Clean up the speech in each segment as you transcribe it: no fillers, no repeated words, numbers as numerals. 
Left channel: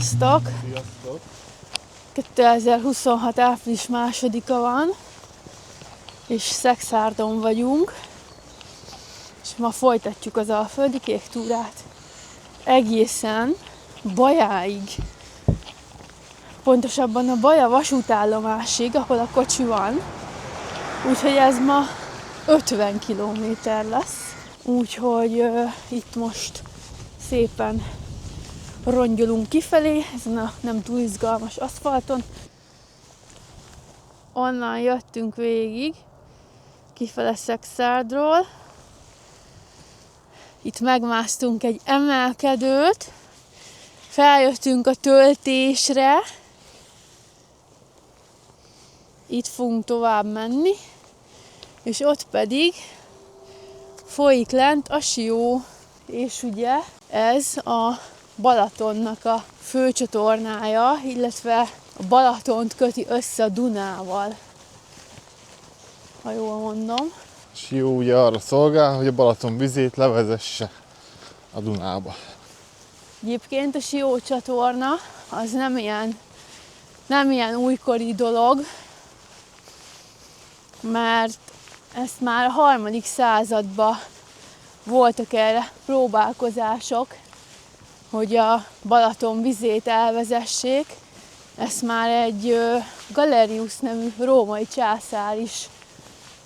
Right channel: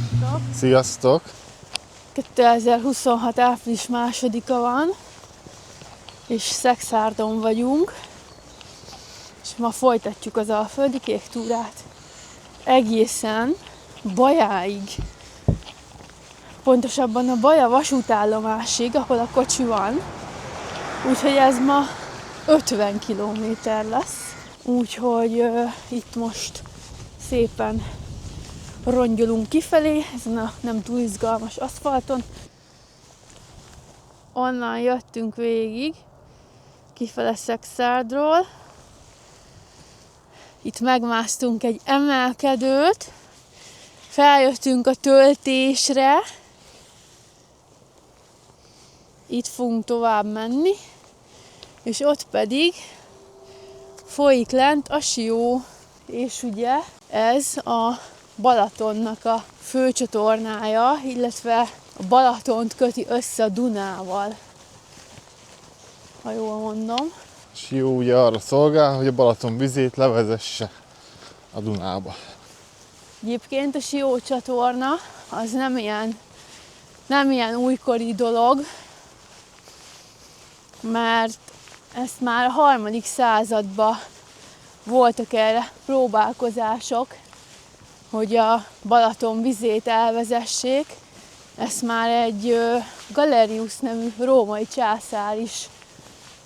Sziasztok! Sziasztok! 2026. április 2-a van, és Szexárdon vagyunk, és ma folytatjuk az Alföldi Kék túrát egészen Bajáig. Pontosabban a Baja vasútállomásig, ahol a kocsi van. Úgyhogy ez ma 50 kilométer lesz. Úgyhogy itt most szépen rongyolunk kifelé, ezen a nem túl izgalmas aszfalton. Onnan jöttünk végig, kifele Szexárdról. Itt megmásztunk egy emelkedőt, feljöttünk a töltésre, itt fogunk tovább menni, és ott pedig folyik lent a Sió, és ugye ez a Balatonnak a főcsatornája, illetve a Balatont köti össze a Dunával, ha jól mondom. Sió ugye arra szolgál, hogy a Balaton vizét levezesse a Dunába. Egyébként a Sió csatorna az nem ilyen újkori dolog, mert ezt már a 3. században voltak erre próbálkozások, hogy a Balaton vizét elvezessék. Ezt már egy Galerius nevű római császár is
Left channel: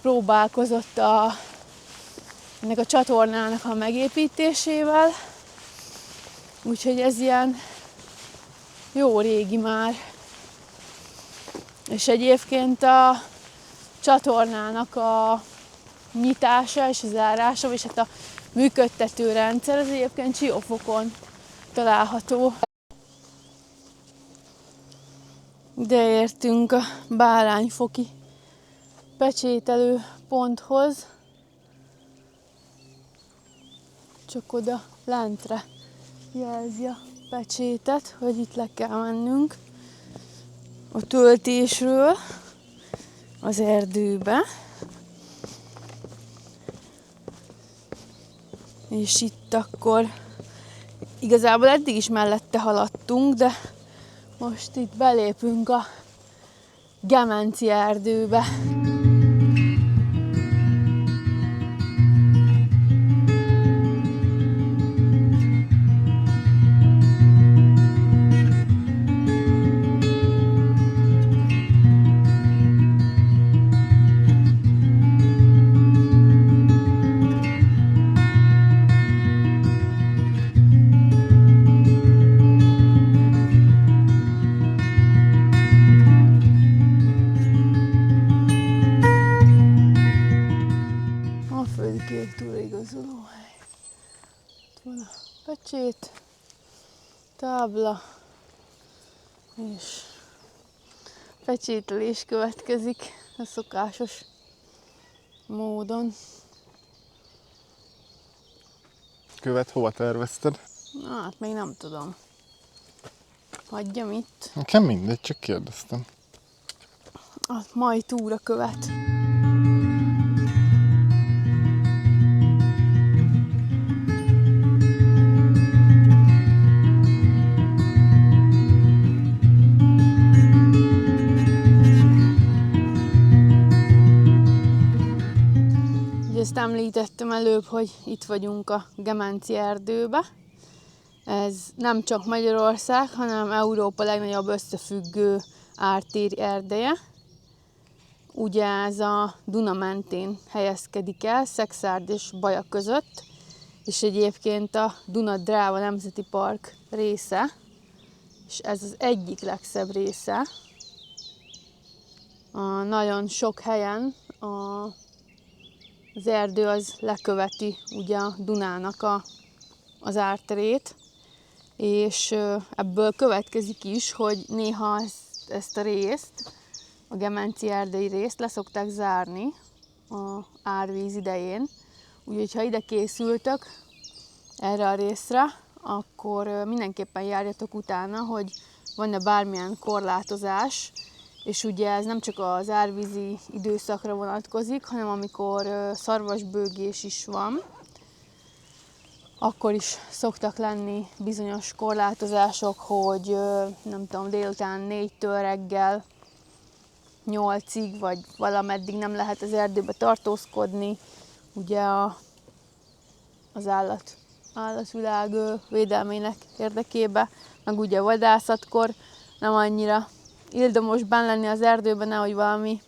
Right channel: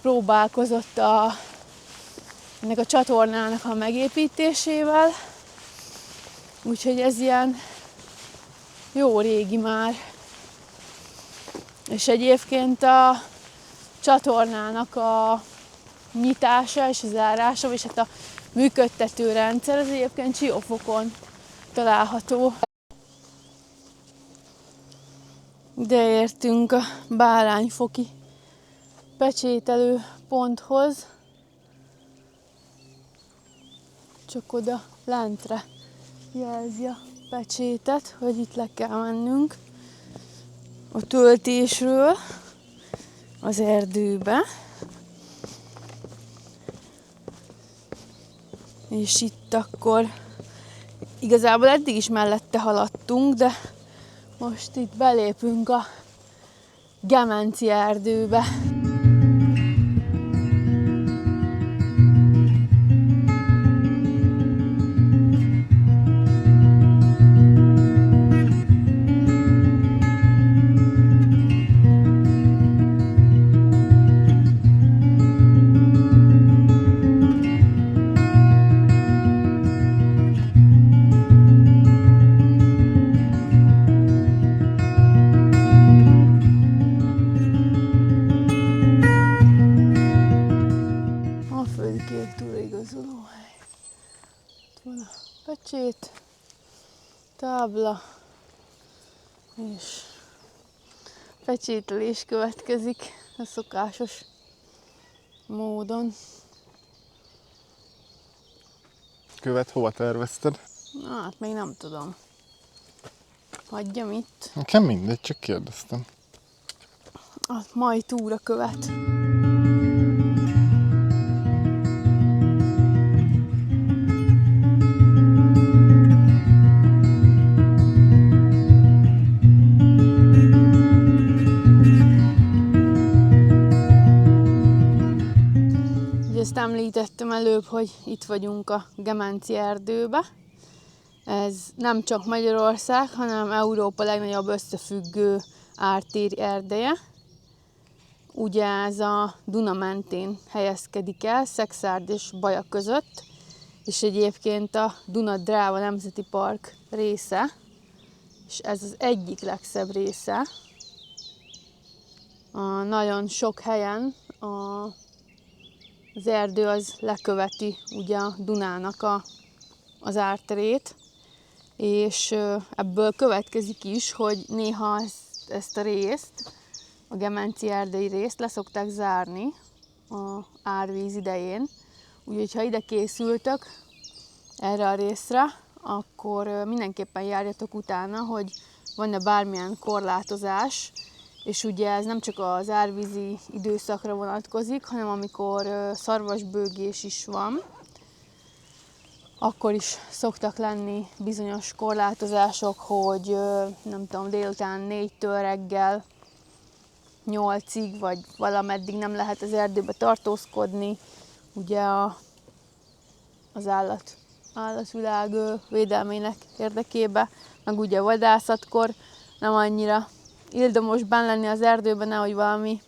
próbálkozott ennek a csatornának a megépítésével. Úgyhogy ez ilyen jó régi már. És egyébként a csatornának a nyitása és a zárása, és hát a működtető rendszer az egyébként Siófokon található. Ide értünk a Bárányfoki pecsételő ponthoz. Csak oda lentre jelzi a pecsétet, hogy itt le kell mennünk a töltésről az erdőbe. És itt akkor igazából eddig is mellette haladtunk, de most itt belépünk a Gemenci erdőbe. Kék túraigazolóhely. Itt van a pecsét, tábla, és pecsételés következik a szokásos módon. Követ hova tervezted? Hát még nem tudom. Hagyjam itt. Nekem mindegy, csak kérdeztem. A mai túra követ. Ezt említettem előbb, hogy itt vagyunk a Gemenci erdőbe. Ez nem csak Magyarország, hanem Európa legnagyobb összefüggő ártéri erdeje. Ugye ez a Duna mentén helyezkedik el, Szexárd és Baja között, és egyébként a Duna-Dráva Nemzeti Park része, és ez az egyik legszebb része. Nagyon sok helyen az erdő az leköveti ugye a Dunának az árterét, és ebből következik is, hogy néha ezt a részt, a Gemenci erdei részt leszokták zárni az árvíz idején. Úgyhogy ha ide készültök erre a részre, akkor mindenképpen járjatok utána, hogy van-e bármilyen korlátozás, és ugye ez nem csak az árvízi időszakra vonatkozik, hanem amikor szarvasbőgés is van, akkor is szoktak lenni bizonyos korlátozások, hogy nem tudom, délután 4-től reggel 8-ig, vagy valameddig nem lehet az erdőbe tartózkodni. Ugye az állatvilág védelmének érdekébe, meg ugye vadászatkor nem annyira ildomos benn lenni az erdőben, nehogy valami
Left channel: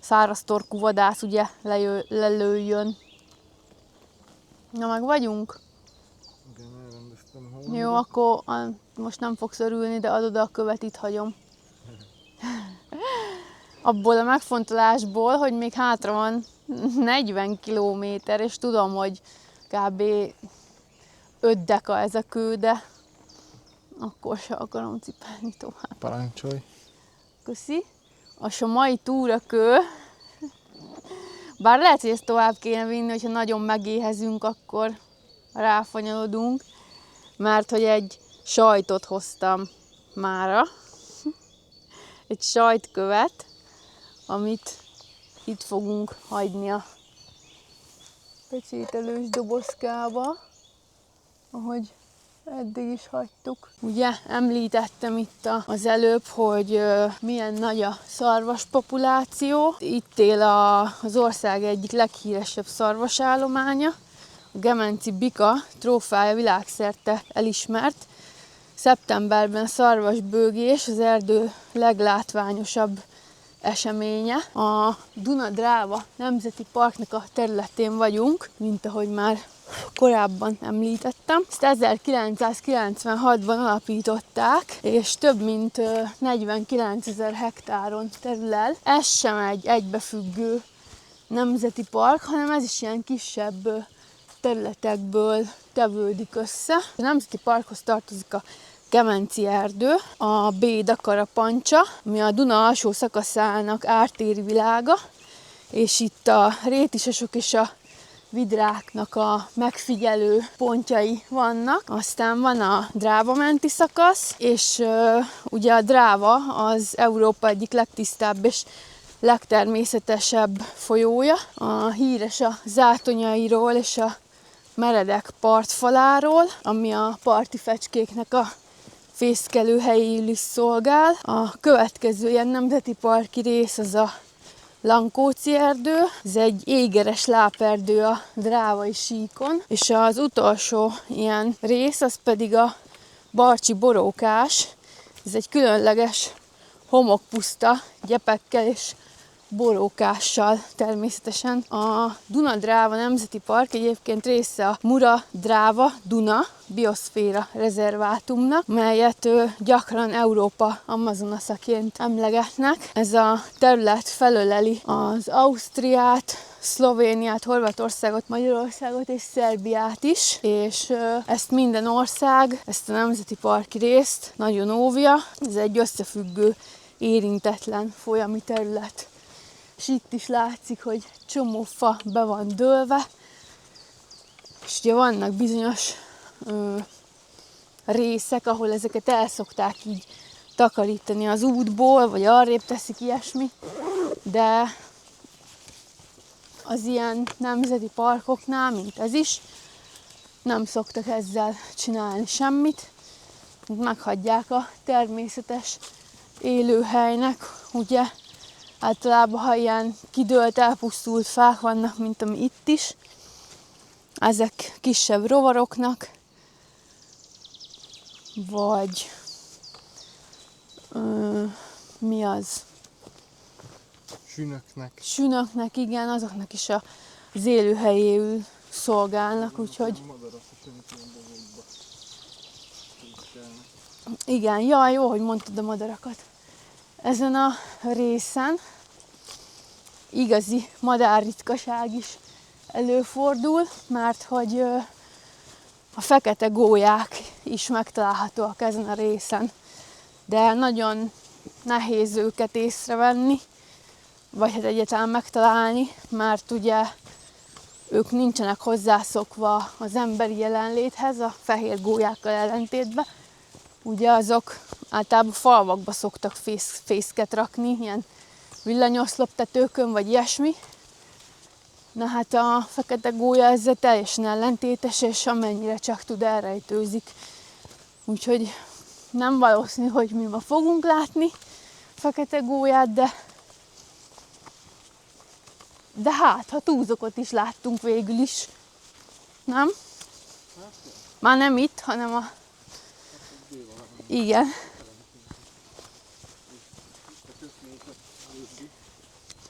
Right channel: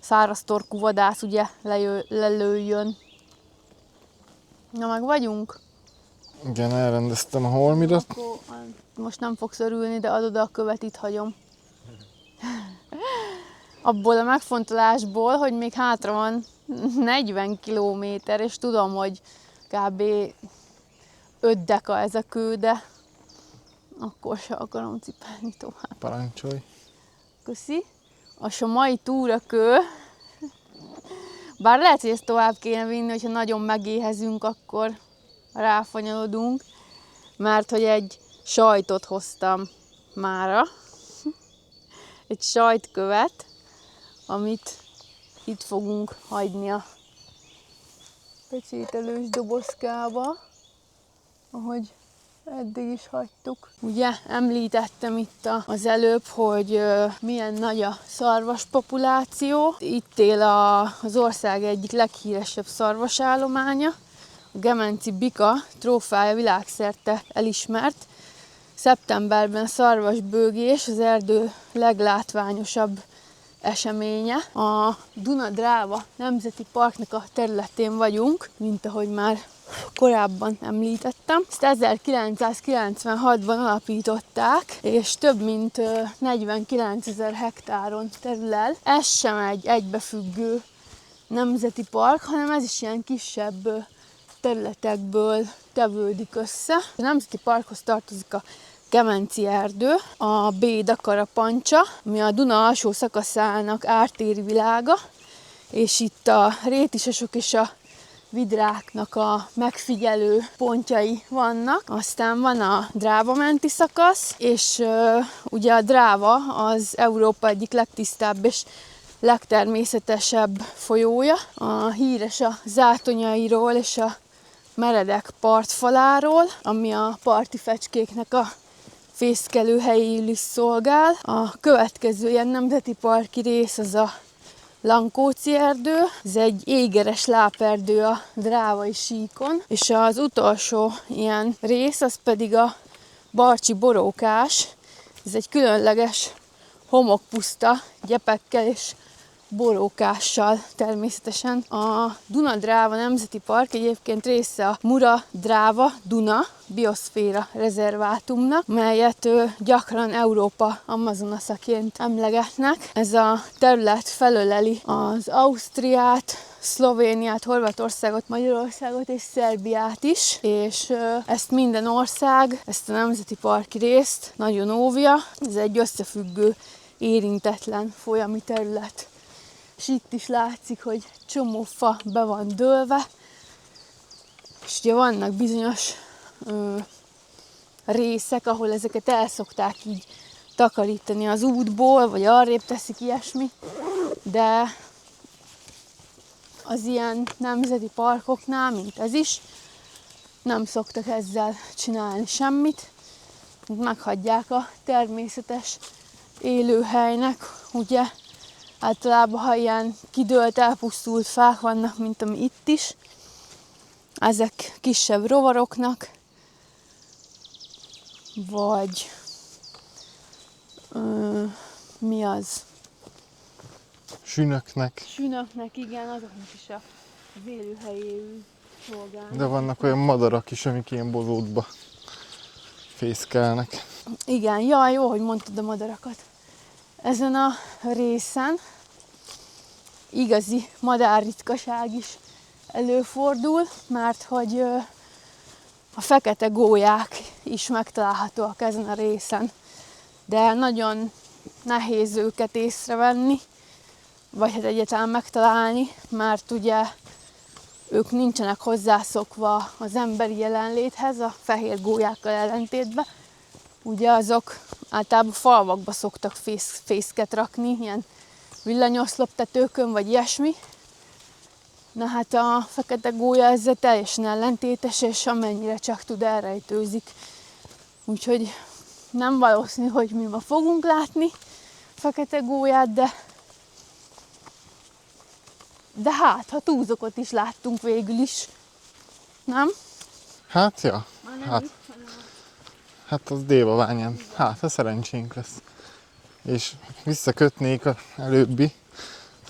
száraztorkú vadász ugye lelőjön. Na, meg vagyunk? Igen, elrendeztem a Jó, holmirat. akkor most nem fogsz örülni, de adod a követ, itt hagyom. Abból a megfontolásból, hogy még hátra van 40 kilométer, és tudom, hogy kb. 5 deka ez a kő, de akkor se akarom cipelni tovább. Parancsolj. Köszi. És a mai túrakő, bár lehet, hogy ezt tovább kéne vinni, hogyha nagyon megéhezünk, akkor ráfanyalodunk, mert hogy egy sajtot hoztam mára, egy sajtkövet, amit itt fogunk hagyni a pecsételős dobozkába, ahogy eddig is hagytuk. Ugye említettem itt az előbb, hogy milyen nagy a szarvas populáció. Itt él az ország egyik leghíresebb szarvasállománya. A gemenci bika trófája világszerte elismert. Szeptemberben a szarvasbőgés az erdő leglátványosabb eseménye. A Duna-Dráva Nemzeti Parknak a területén vagyunk, mint ahogy már korábban említettem. Ezt 1996-ban alapították, és több mint 49 000 hektáron terül el. Ez sem egy egybefüggő nemzeti park, hanem ez is ilyen kisebb területekből tevődik össze. A nemzeti parkhoz tartozik a Gemenci erdő, a Béda-Karapancsa, ami a Duna alsó szakaszának ártéri világa, és itt a rétisesok és a vidráknak a megfigyelő pontjai vannak. Aztán van a Dráva menti szakasz, és ugye a Dráva az Európa egyik legtisztább és legtermészetesebb folyója. Híres a zátonyairól és a meredek partfaláról, ami a parti fecskéknek a fészkelőhelyéül is szolgál. A következő ilyen nemzeti parki rész az a Lankóci erdő, ez egy égeres láperdő a Drávai síkon, és az utolsó ilyen rész az pedig a Barcsi borókás, ez egy különleges homokpuszta gyepekkel és borókással természetesen. A Duna-Dráva Nemzeti Park egyébként része a Mura-Dráva-Duna bioszféra rezervátumnak, melyet gyakran Európa Amazonaszaként emlegetnek. Ez a terület felöleli az Ausztriát, Szlovéniát, Horvátországot, Magyarországot és Szerbiát is, és ezt minden ország, ezt a nemzeti parki részt nagyon óvja. Ez egy összefüggő, érintetlen folyami terület. És itt is látszik, hogy csomó fa be van dőlve, és ugye vannak bizonyos részek, ahol ezeket el szokták így takarítani az útból, vagy arrébb teszik ilyesmi, de az ilyen nemzeti parkoknál, mint ez is, nem szoktak ezzel csinálni semmit. Meghagyják a természetes élőhelynek, ugye általában, ha ilyen kidőlt, elpusztult fák vannak, mint ami itt is, ezek kisebb rovaroknak, vagy mi az? Sünöknek, igen, azoknak is az élőhelyéül szolgálnak. De vannak olyan madarak is, amik ilyen bolódba fészkelnek. Igen, jaj, jó, hogy mondtad a madarakat. Ezen a részen igazi madárritkaság is előfordul, mert hogy a fekete gólyák is megtalálhatóak ezen a részen. De nagyon nehéz őket észrevenni, vagy hát egyáltalán megtalálni, mert ugye ők nincsenek hozzászokva az emberi jelenléthez, a fehér gólyákkal ellentétben. Ugye azok általában falvakba szoktak fészket rakni, ilyen villanyoszloptetőkön, vagy ilyesmi. Na hát a fekete gólya ezzel teljesen ellentétes, és amennyire csak tud elrejtőzik. Úgyhogy nem valószínű, hogy mi ma fogunk látni fekete gólyát, de hát, ha túlzokot is láttunk végül is. Nem? Hát, ja. Már nem Hát. itt, hanem a... Hát az Dévaványán. Igen. Hát, a szerencsénk lesz. És visszakötnék az előbbi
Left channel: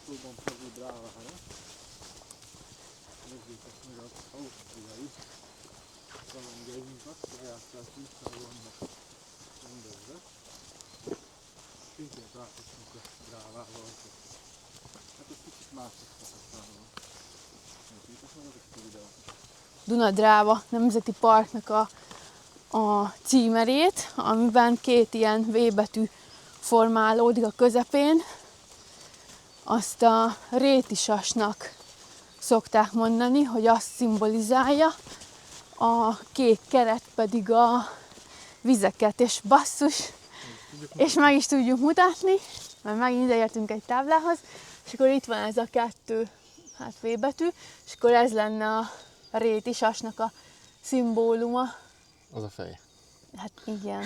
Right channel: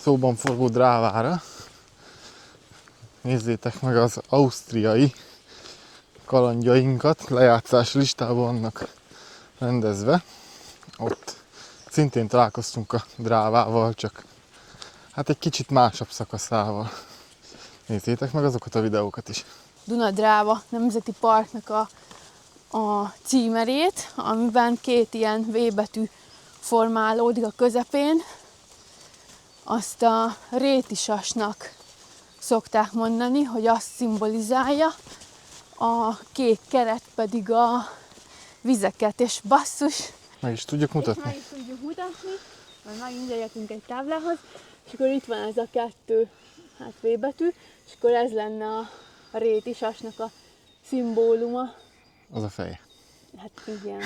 szóban forgó drávára. Nézzétek meg az ausztriai kalandjainkat, lejátszás listában vannak rendezve. Ott szintén találkoztunk a drávával, csak hát egy kicsit másabb szakaszával. Nézzétek meg azokat a videókat is. Duna-Dráva Nemzeti Parknak a címerét, amiben két ilyen V betű formálódik a közepén. Azt a rétisasnak szokták mondani, hogy azt szimbolizálja, a kék keret pedig a vizeket, és basszus, Meg is tudjuk mutatni. és meg is tudjuk mutatni, mert megint ideértünk egy táblához, és akkor itt van ez a kettő V betű, és akkor ez lenne a rétisasnak a szimbóluma. Az a fej. Hát igen.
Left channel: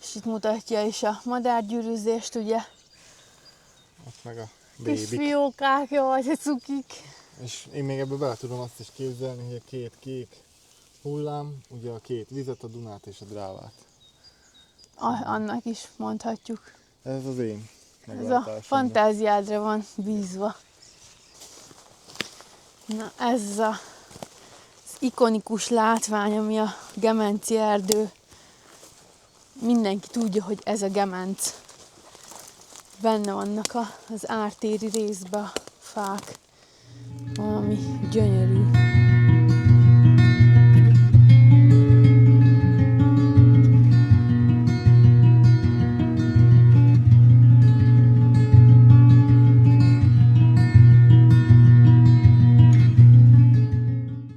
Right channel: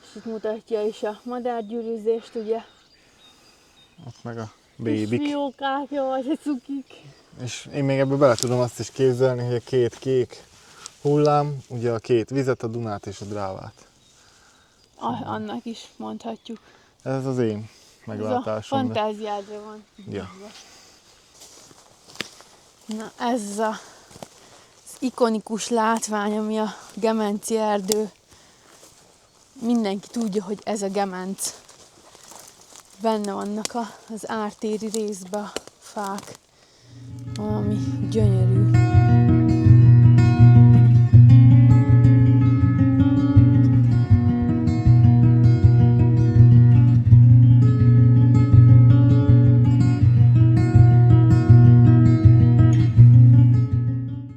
És itt mutatja is a madárgyűrűzést, ugye? Ott meg a Kis bébik. fiókák, jaj, de cukik. És én még ebből bele tudom azt is képzelni, hogy a két kék hullám, ugye a két vizet, a Dunát és a Drávát. Annak is mondhatjuk. Ez az én Ez a meglátásom. fantáziádra van bízva. Na ez az ikonikus látvány, ami a Gemenci erdő. Mindenki tudja, hogy ez a Gemenc. Benne vannak az ártéri részben a fák. Valami gyönyörű.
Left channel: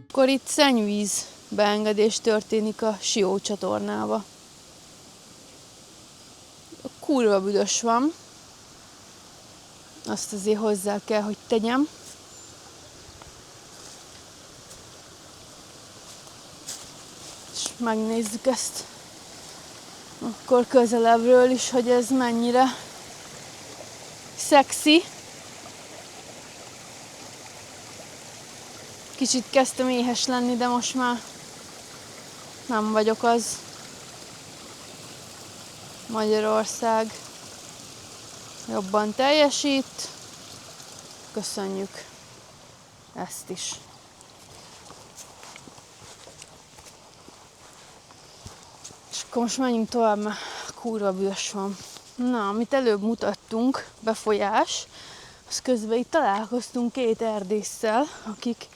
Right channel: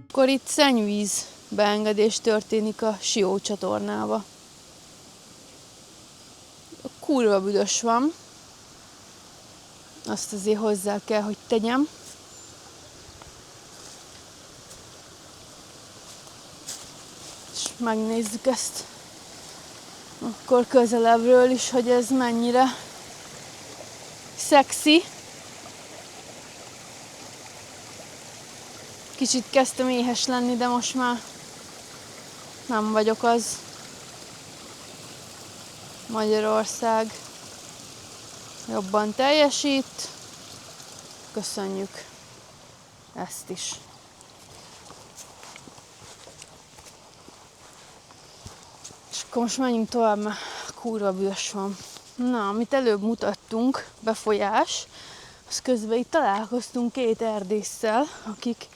Akkor itt szennyvíz beengedés történik a Sió csatornába. Kurva büdös van. Azt azért hozzá kell, hogy tegyem. És megnézzük ezt akkor közelebbről is, hogy ez mennyire szexi. Kicsit kezdtem éhes lenni, de most már nem vagyok az. Magyarország jobban teljesít. Köszönjük ezt is. És akkor most menjünk tovább, mert kurva bűs van. Na, amit előbb mutattunk, befolyás, az közben itt találkoztunk két erdésszel, akik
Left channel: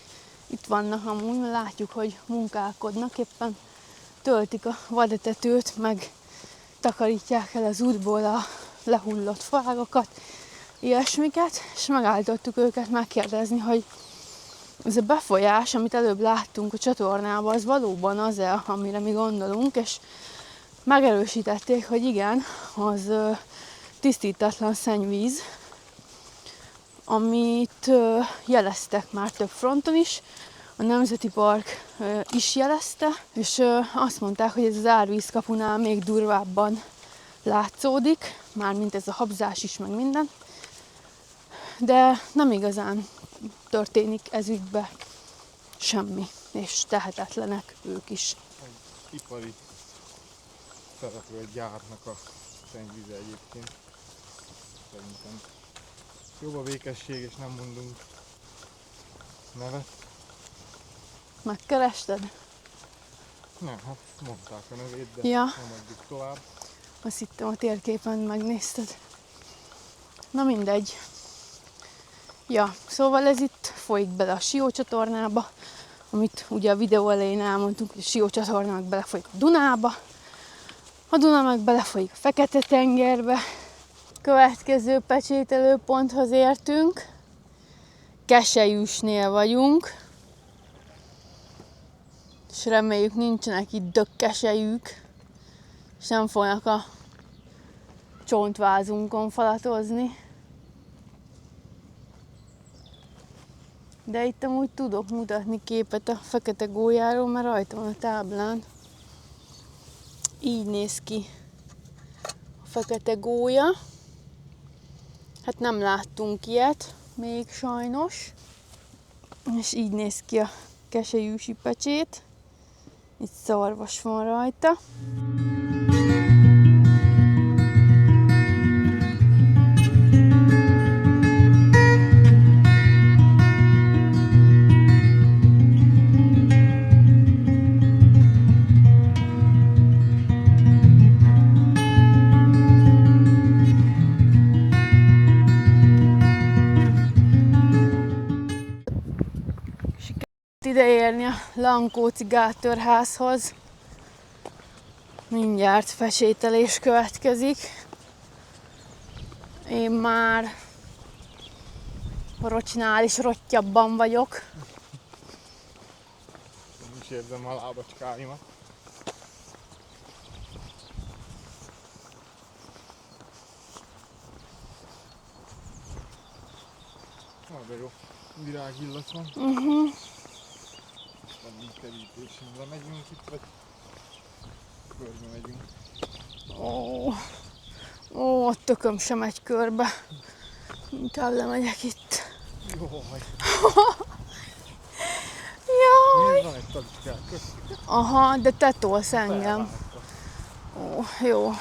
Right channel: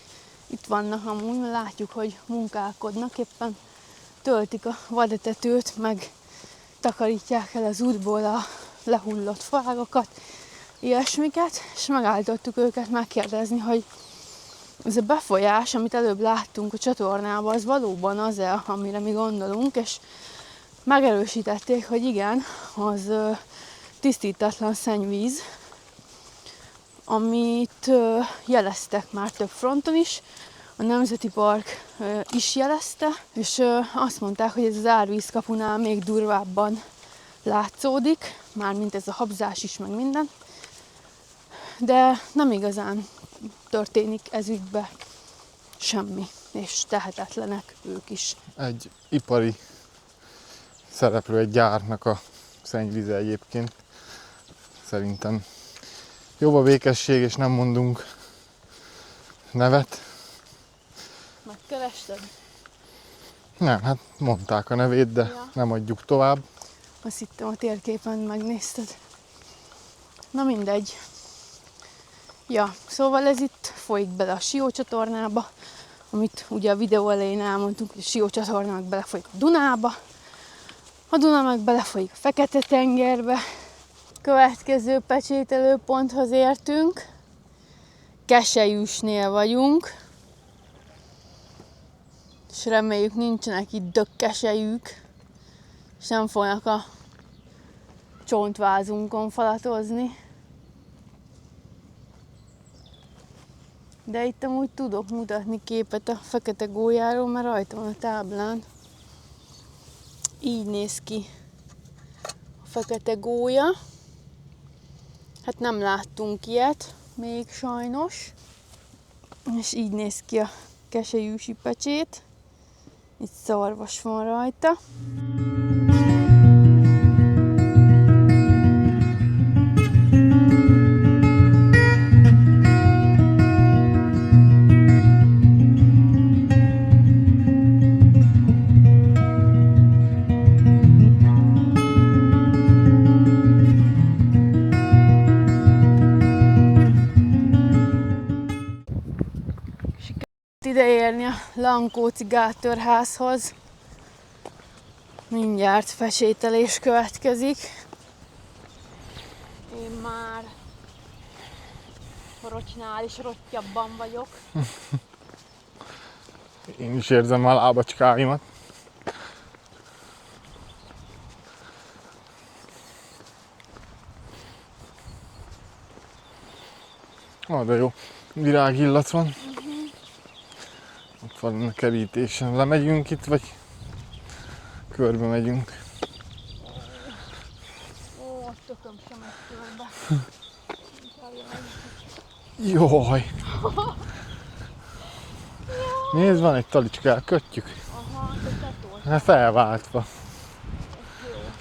itt vannak amúgy, mert látjuk, hogy munkálkodnak, éppen töltik a vadetetőt, meg takarítják el az útból a lehullott fágokat, ilyesmiket, és megállítottuk őket megkérdezni, hogy ez a befolyás, amit előbb láttunk a csatornában, az valóban az-e, amire mi gondolunk, és megerősítették, hogy igen, az tisztítatlan szennyvíz, amit jeleztek már több fronton is, a Nemzeti Park is jelezte, és azt mondták, hogy ez az árvízkapunál még durvábban látszódik, mármint ez a habzás is, meg minden, de nem igazán történik ez ügybe semmi, és tehetetlenek ők is. Egy ipari szereplő, egy gyárnak a szennyvíze egyébként. Szerintem jobb a békesség, és nem mondunk nevet. Megkerested? Nem, hát mondták a nevét, de Ja. nem adjuk tovább. Azt hittem a térképen megnézted. Na mindegy. Ja, szóval ez itt folyik bele a Sió csatornába, amit ugye a videó elején elmondtunk, hogy a Sió csatorna meg belefolyik a Dunába, a Duna meg belefolyik a Fekete-tengerbe. Következő pecsételőponthoz értünk. Keselyűsnél vagyunk. És reméljük nincsenek itt dökkeselyűk, és nem fognak a csontvázunkon falatozni. De itt amúgy tudok mutatni képet a fekete gólyáról, mert rajta van a táblán. Így néz ki a fekete gólya. Hát nem láttunk ilyet még sajnos. És így néz ki a keselyűsi pecsét. Itt szarvas van rajta. Ide érni a Lankóci Gátörházhoz. Mindjárt pecsételés következik. Én már a Rocsinál is rottyabban vagyok. Én is érzem a lábacskáimat. De jó, virágillat van. Ott van a kerítésen. Lemegyünk itt, vagy körbe megyünk? Ó, a tököm sem megy körbe. Inkább lemegyek itt. Jaj! Jaj. Nézd, van egy talicska, kötjük. Aha, de te tolsz engem. Felváltva. Ó, jó.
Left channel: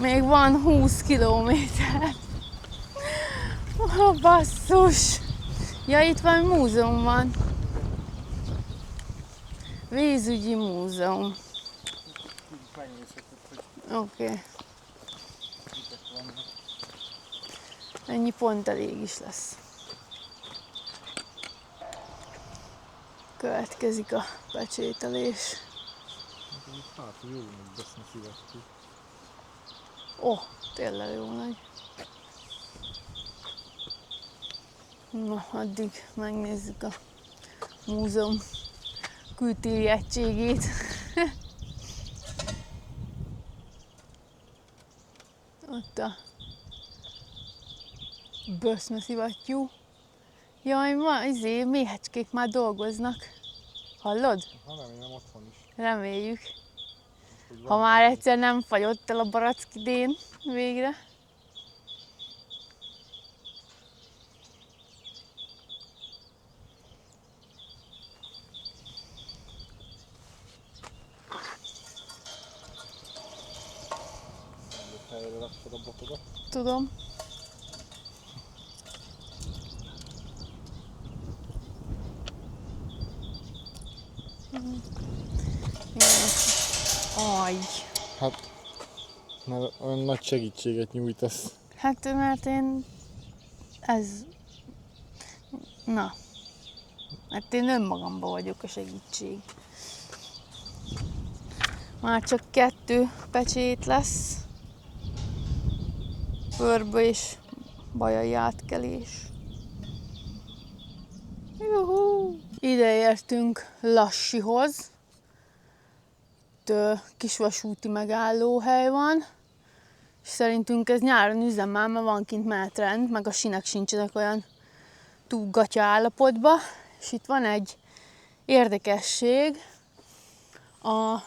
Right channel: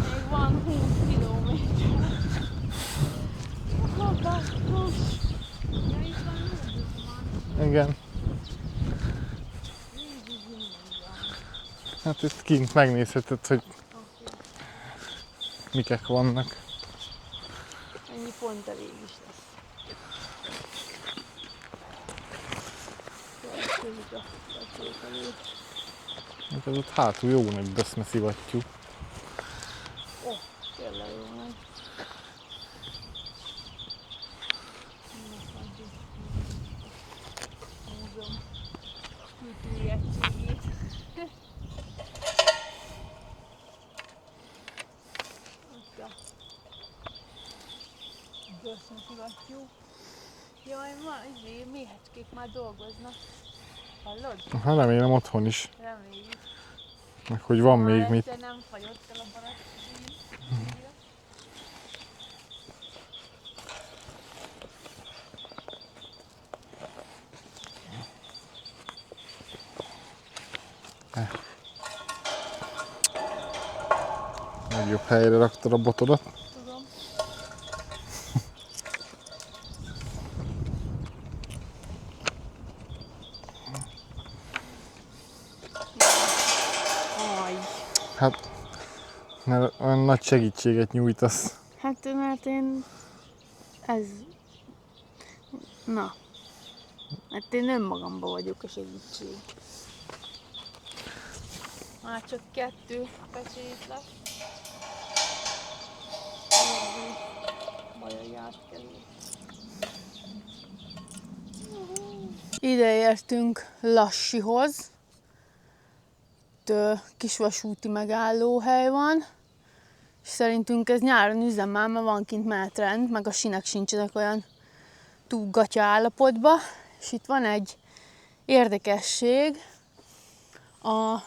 Még van 20 kilométer. Basszus! Ja, itt valami múzeum van. Igen. Vízügyi múzeum. Hát itt kint megnézheted, hogy Oké. mikek vannak. Ennyi pont elég is lesz. Következik a pecsételés. Ez ott hátul jó nagy böszme szivattyú. Ó, tényleg jó nagy. Na, addig megnézzük a múzeum kültéri egységét. Ott a böszmeszivattyú. Jaj, méhecskék már dolgoznak. Hallod? Hát remélem otthon is. Reméljük. Meg hogy Ha van már még egyszer nem fagyott el a barack idén végre. Legjobb helyre raktad a botodat. Tudom. Aj. Hát, mert olyan nagy segítséget nyújtasz. Hát mert én... Na. Hát én önmagamban vagyok a segítség. Már csak 2 pecsét lesz. Körbe és bajai átkelés. Juhú. Ide értünk Lassihoz. Itt kisvasúti megállóhely van. És szerintünk ez nyáron üzemel, mert van kint menetrend, meg a sinek sincsenek olyan túl gatya állapotban. És itt van egy érdekesség. A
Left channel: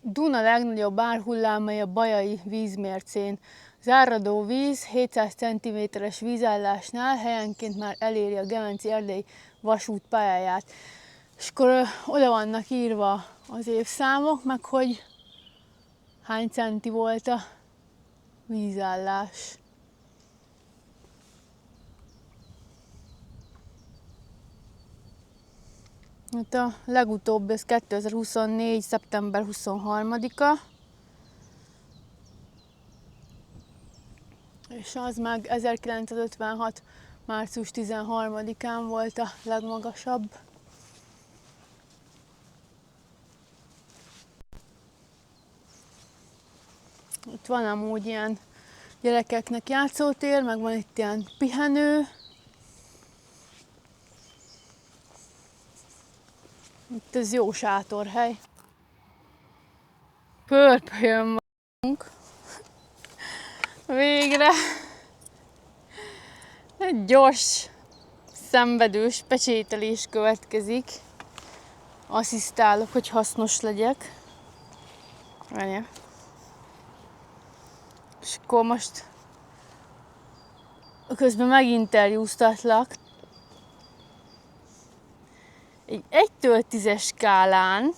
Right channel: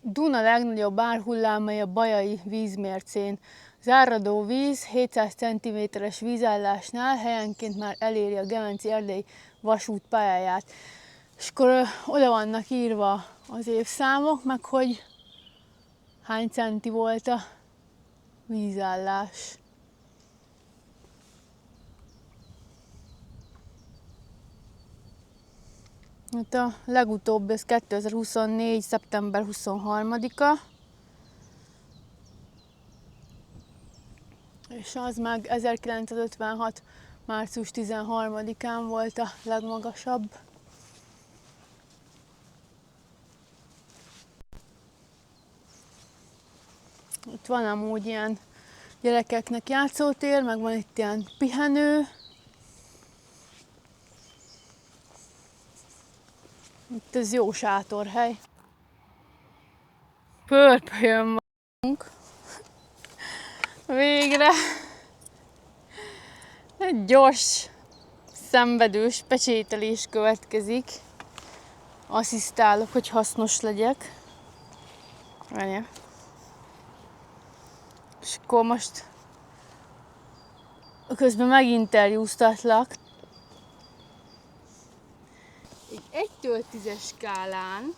Duna legnagyobb árhullámai a Bajai vízmércén. Az áradó víz 700 cm-es vízállásnál helyenként már eléri a Gemenci-Erdélyi vasút pályáját. És akkor oda vannak írva az évszámok, meg hogy hány centi volt a vízállás. Hát a legutóbb, ez 2024. szeptember 23-a. És az meg 1956. március 13-án volt a legmagasabb. Itt van amúgy ilyen gyerekeknek játszótér, meg van itt ilyen pihenő. Itt ez jó sátorhely. Pörpölyön vagyunk. Végre. Egy gyors szenvedős pecsételés következik. Asszisztálok, hogy hasznos legyek. Várjál. És akkor most közben meginterjúztatlak. Egy 1-től 10-es skálán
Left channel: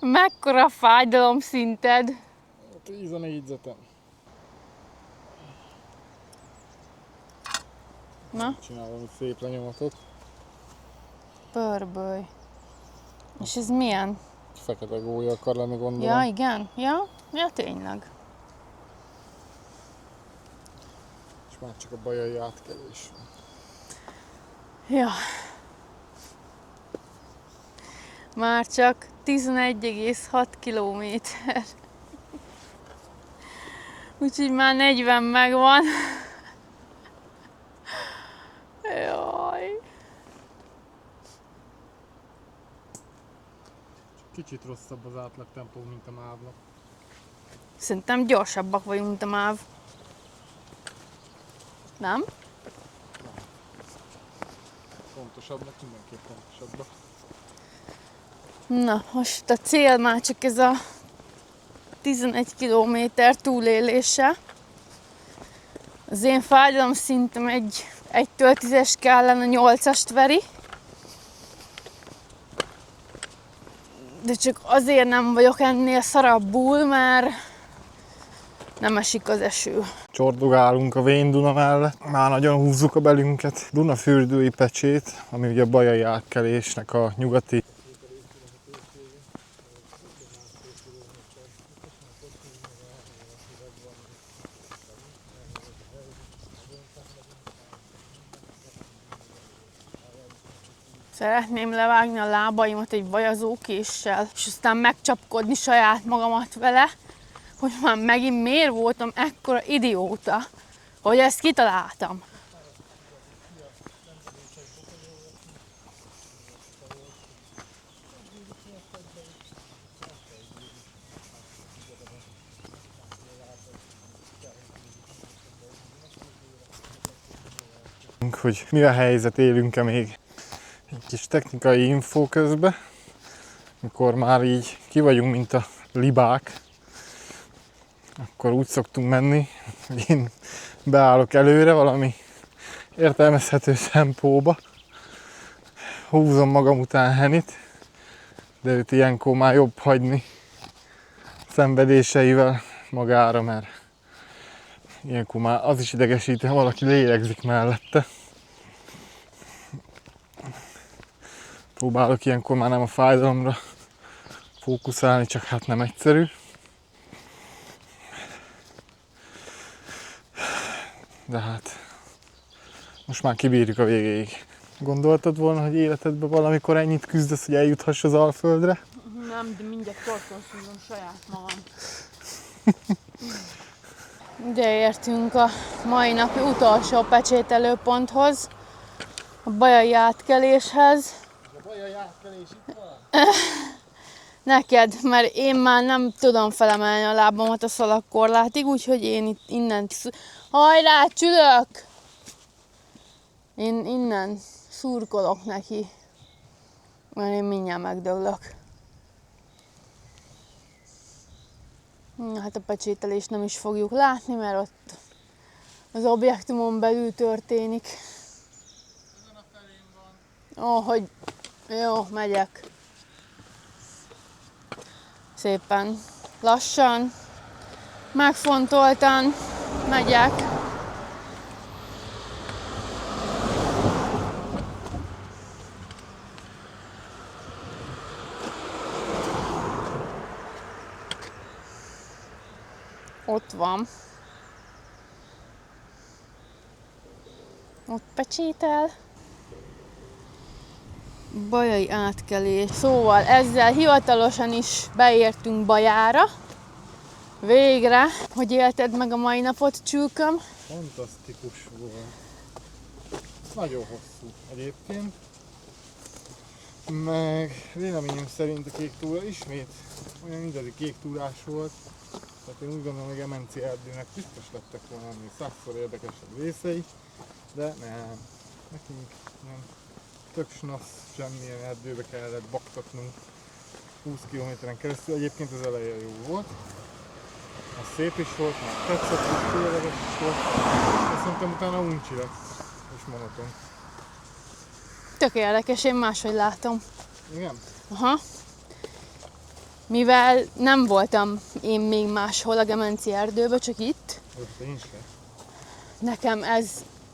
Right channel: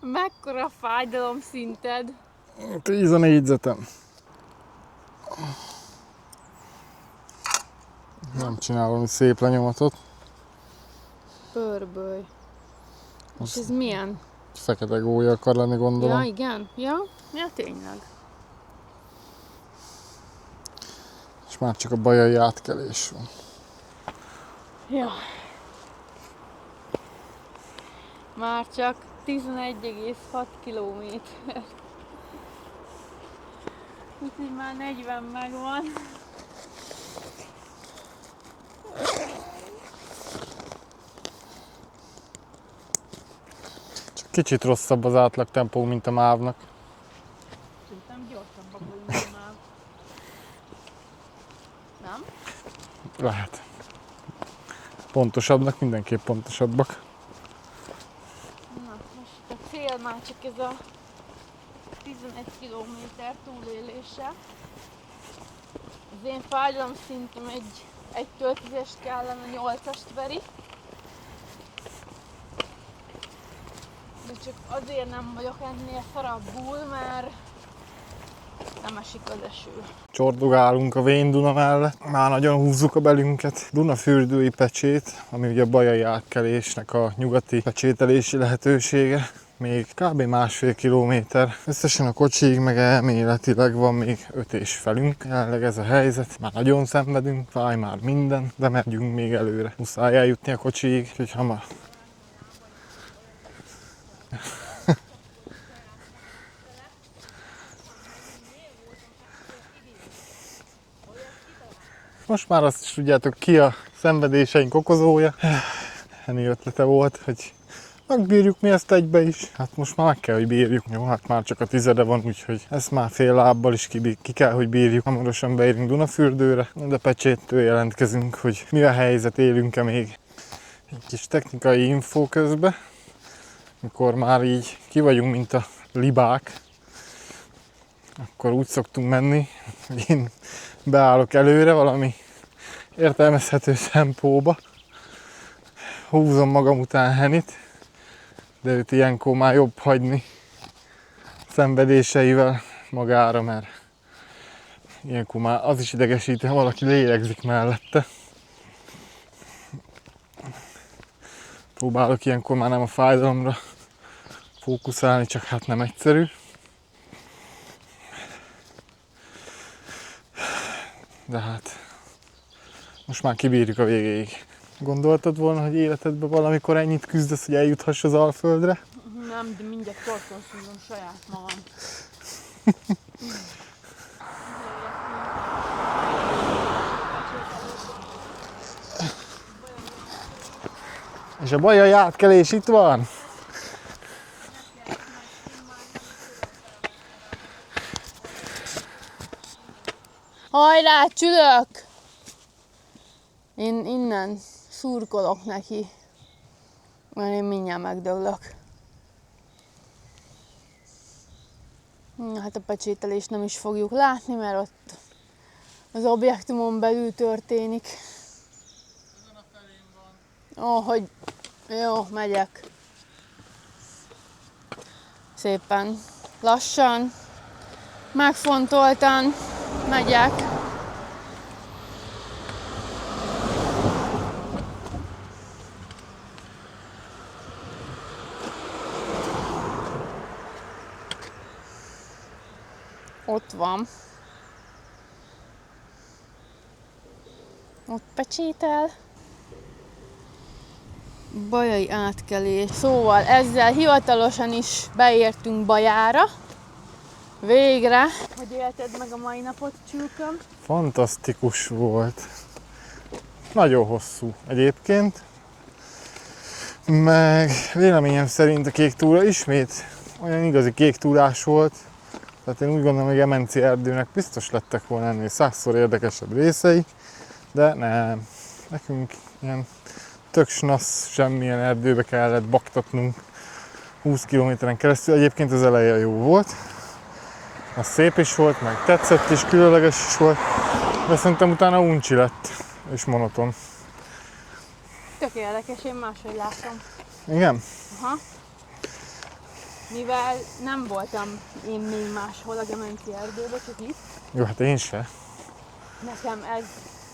mekkora fájdalomszinted? 10 a négyzetem. Nem csinálom szép lenyomatot. Pörböly. És ez milyen? Fekete gólya akar lenni, gondolom. Ja, igen? Ja, tényleg. És már csak a bajai átkelés van. Ja. Már csak 11,6 kilométer. Úgyhogy már 40 megvan. Jaj. Csak kicsit rosszabb az átlag tempó, mint a mávnak. Szerintem gyorsabbak vagyunk, mint a MÁV. Nem? Lehet. Pontosabbnak mindenképp pontosabbak. Na, most a cél már csak ez a 11 kilométer túlélése. Az én fájdalomszintem egy 1-től 10-es skálán a 8-ast veri. De csak azért nem vagyok ennél szarabbul, mert nem esik az eső. Csordogálunk a Vén Duna mellett, már nagyon húzzuk a belünket. Dunafürdői pecsét, ami ugye a bajai átkelésnek a nyugati pecsételési lehetősége. Még kb. 1,5 kilométer. Összesen a kocsiig meg elméletileg van még 5 és felünk. Jelenleg ez a helyzet. Már nagyon szenvedünk, fáj már minden, de megyünk még előre. Muszáj eljutni a kocsiig. Szeretném levágni a lábaimat egy vajazókéssel, és aztán megcsapkodni saját magamat vele, hogy már megint miért voltam ekkora idióta, hogy ezt kitaláltam. Most már azt is tudjátok, ki a szenvedéseink okozója. Ennyi ötlete volt, hogy megbírjuk mi ezt egybe is. Hát most már meg kell, hogy bírjuk. Jó, hát már csak a 10 van, úgyhogy ezt már fél lábbal is ki kell, hogy bírjuk. Hamarosan beérünk Dunafürdőre, de pecséttől jelentkezünk, hogy mi a helyzet, élünk-e még. Egy kis technikai infó közben, amikor már így ki vagyunk, mint a libák, akkor úgy szoktunk menni, hogy én beállok előre valami értelmezhető tempóba, húzom magam után Henit, de őt ilyenkor már jobb hagyni szenvedéseivel magára, mert ilyenkor már az is idegesít, ha valaki lélegzik mellette. Próbálok ilyenkor már nem a fájdalomra fókuszálni, csak hát nem egyszerű. De hát most már kibírjuk a végéig. Gondoltad volna, hogy életedben valamikor ennyit küzdesz, hogy eljuthass az Alföldre? Nem, de mindjárt torkonszúzom saját magam. Ide értünk a mai napi utolsó pecsételőponthoz, a bajai átkeléshez. És a bajai átkelés itt van? Neked, mert én már nem tudom felemelni a lábamat a szalagkorlátig, úgyhogy én itt innen... Hajrá, csülök! Én innen szurkolok neki, mert én mindjárt megdöglök. Hát a pecsételést nem is fogjuk látni, mert ott az objektumon belül történik. Ezen a felén van. Ó, hogy jó, megyek. Szépen, lassan, megfontoltan megyek. Ott van. Ott pecsétel. Bajai átkelés. Szóval ezzel hivatalosan is beértünk Bajára. Végre. Hogy élted meg a mai napot, csülköm? Fantasztikus volt. Nagyon hosszú egyébként. Meg véleményem szerint a kék túra ismét olyan igazi kék túrás volt. Tehát én úgy gondolom, hogy Emenci erdőnek biztos lettek volna ennél 100-szor érdekesebb részei. De nem. Nekünk ilyen tök snasz, semmilyen erdőbe kellett baktatnunk 20 kilométeren keresztül. Egyébként az eleje jó volt. Az szép is volt, meg tetszett és különleges is volt. De szerintem utána uncsi lett és monoton. Tök érdekes, én máshogy látom. Igen? Aha. Mivel nem voltam én még máshol a Gemenci erdőben, csak itt, Jó, hát én se. nekem ez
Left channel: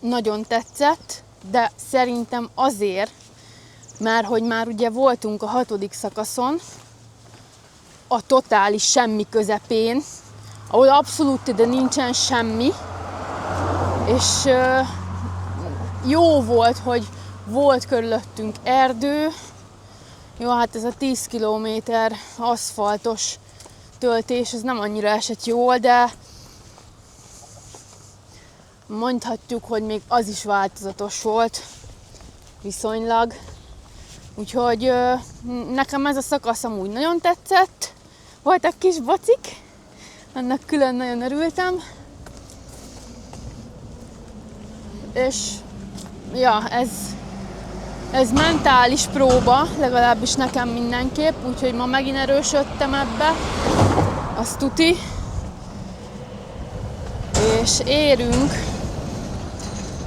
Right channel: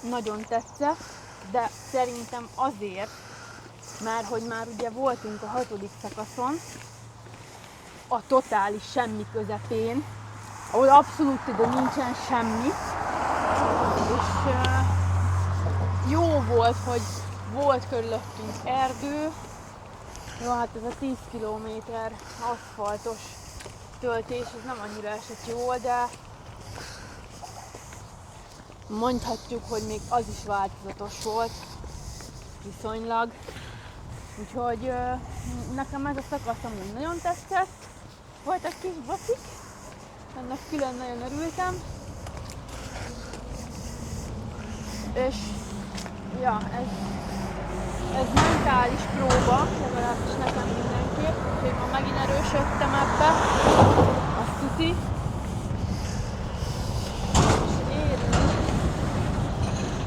nagyon tetszett, de szerintem azért, mert hogy már ugye voltunk a 6. szakaszon, a totális semmi közepén, ahol abszolút ide nincsen semmi, és jó volt, hogy volt körülöttünk erdő. Jó, hát ez a 10 kilométer aszfaltos töltés, ez nem annyira esett jól, de mondhatjuk, hogy még az is változatos volt viszonylag. Úgyhogy nekem ez a szakasz amúgy nagyon tetszett. Voltak kis bocik, ennek külön nagyon örültem. És ja, ez mentális próba, legalábbis nekem mindenképp, úgyhogy ma megint erősödtem ebbe, azt tuti. És érünk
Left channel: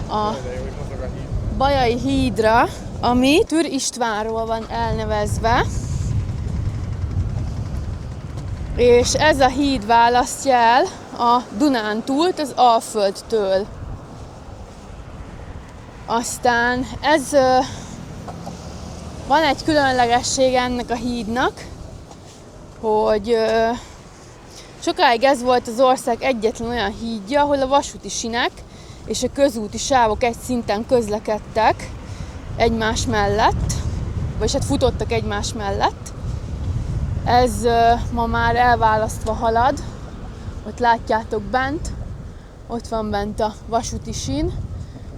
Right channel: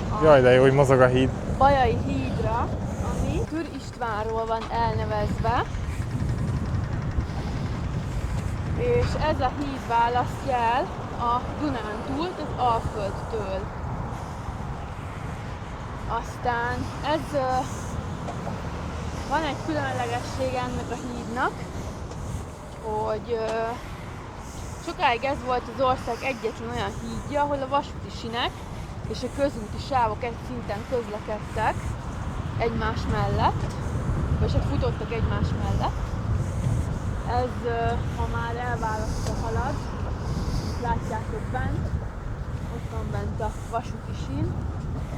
a Jaj, de jó, hogy mozog a híd. Bajai hídra, ami Türr Istvánról van elnevezve. És ez a híd választja el a Dunántúlt az Alföldtől. Aztán van egy különlegesség ennek a hídnak, hogy sokáig ez volt az ország egyetlen olyan hídja, ahol a vasúti sinek és a közúti sávok egy szinten közlekedtek egymás mellett, vagy hát futottak egymás mellett. Ez ma már elválasztva halad, ott látjátok bent, ott van bent a vasúti sín,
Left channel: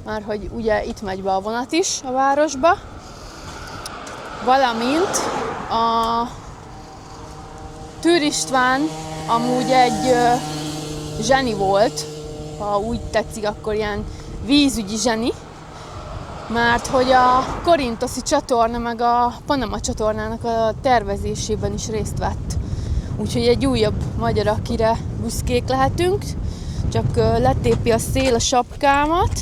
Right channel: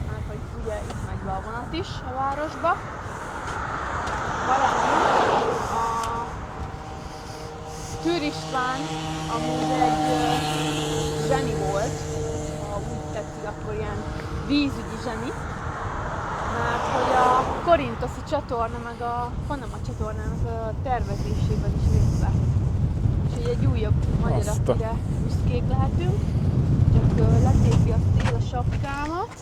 már hogy ugye itt megy be a vonat is a városba, valamint a Türr István amúgy egy zseni volt, ha úgy tetszik, akkor ilyen vízügyi zseni, mert hogy a Korintoszi csatorna meg a Panama csatornának a tervezésében is részt vett. Úgyhogy egy újabb magyar, akire büszkék lehetünk, csak letépi a szél a sapkámat.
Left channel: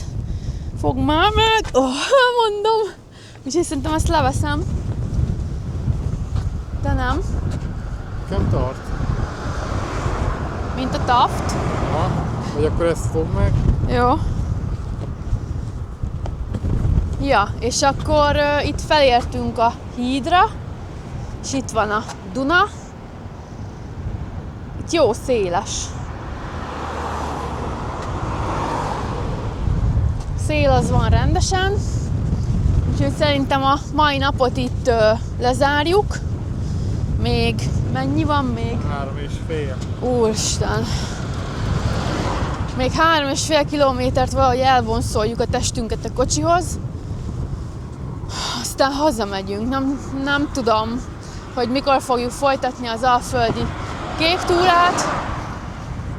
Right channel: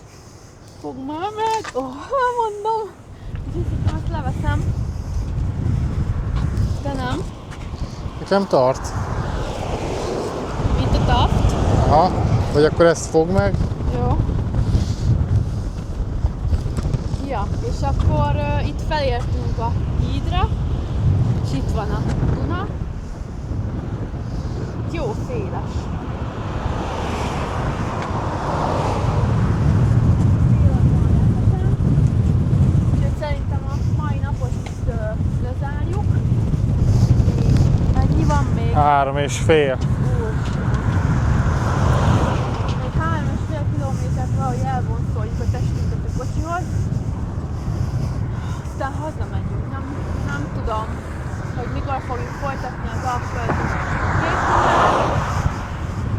Fog már meg, mondom, úgyhogy szerintem azt leveszem. De nem. Nekem tart. Mint a taft. Aha, vagy akkor ezt fog meg. Jó. Ja, és akkor itt felértünk a hídra, és itt van a Duna. Itt jó széles. Szél az van rendesen, úgyhogy szerintem a mai napot itt lezárjuk. Még mennyi van még? 3,5. Úristen! Még 3,5 kilométert valahogy elvonszoljuk a testünket a kocsihoz. Aztán hazamegyünk. Nem tudom, hogy mikor fogjuk folytatni az alföldi kék túrát.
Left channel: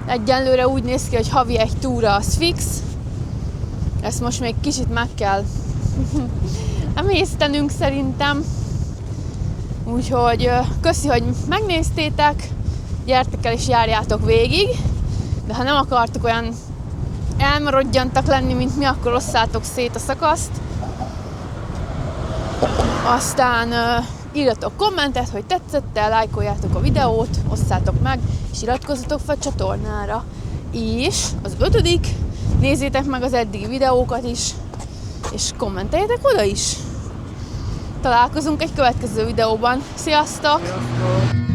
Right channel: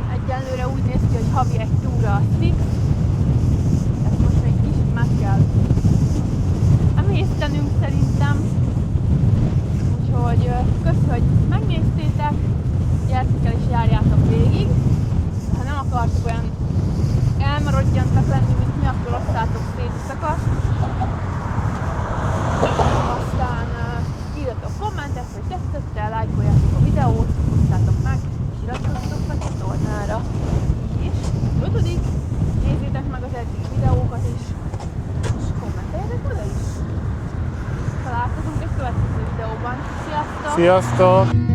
Egyenlőre úgy néz ki, hogy havi egy túra az fix. Ezt most még kicsit meg kell emésztenünk szerintem. Úgyhogy köszi, hogy megnéztétek, gyertek el és járjátok végig, de ha nem akartok olyan elmaradjantak lenni, mint mi, akkor osszátok szét a szakaszt. Aztán írjatok kommentet, hogy tetszett-e, lájkoljátok a videót, osszátok meg, és iratkozzatok fel a csatornára. És az 5. nézzétek meg az eddigi videókat is, és kommenteljetek oda is. Találkozunk egy következő videóban. Sziasztok! Sziasztok!